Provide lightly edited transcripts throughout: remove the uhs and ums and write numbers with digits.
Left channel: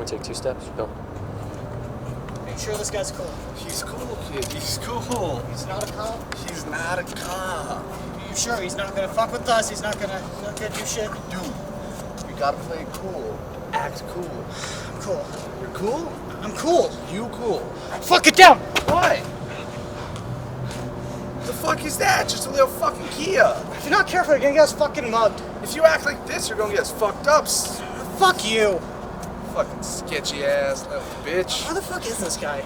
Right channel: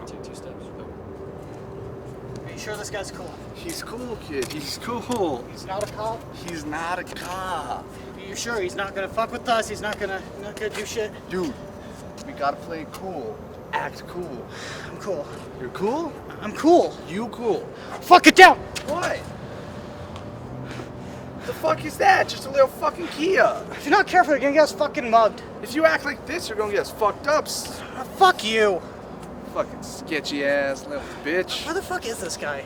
me take 2 steps. Go. Are you sure this guy's cool? He's cool, kid. He's cool. He's not a cop? He's not a cop. Are you sure he's not gonna fuck with us? He's not gonna do shit? Dude, we gotta play cool. Act cool. I'm cool. You're cool? I'm cool. You cool. Fuck it down! What? The fuck is that? Just a little fucking Kia. If you're not careful, you're gonna get us fucking mugged. If you act like this, you're gonna get us fucked up. Fuck you. Fucking sketchy ass little bitch. Where the fuck is this guy?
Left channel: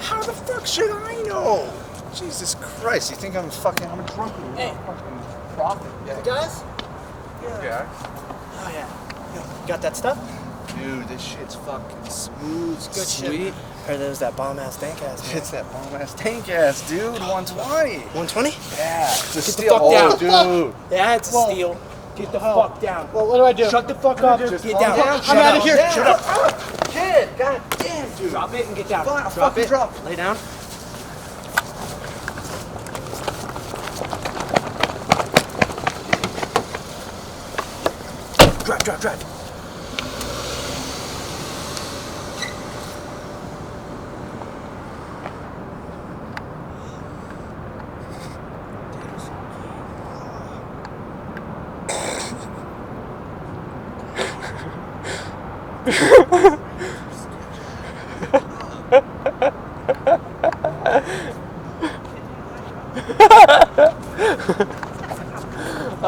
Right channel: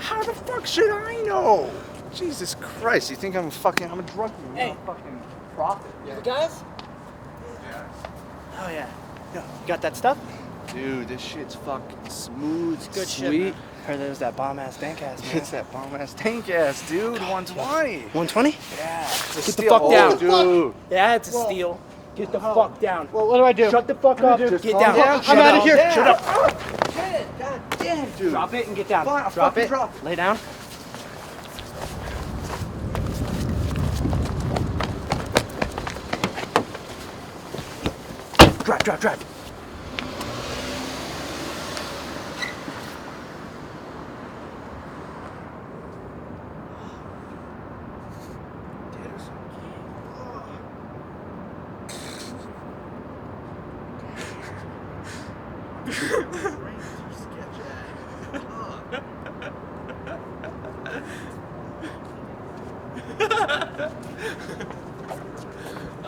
How the fuck should I know? Jesus Christ, you think I'm a drunk one? I'm a fucking prophet. The guys? Yeah. Oh yeah. Yo, you got that stuff? Dude, this shit's fucking smooth, Good sweet. shit. Hey, there's that bomb ass dank ass. Man. It's that bomb ass tank ass, dude. 120. 120? Yeah. It's a Get the steal. fuck down. Dude. Yeah, it's a steal. Get the fuck down. Well, what do I do? Shut the fuck up. Just Get calm down. down. Shut I'm up. out of here. Yeah. Shut up. Kid, god damn, dude. Drop it and get down. Fine, I'll Drop fucking it. drop. Lay down. Drive.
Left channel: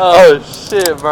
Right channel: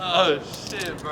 Oh shit, bro.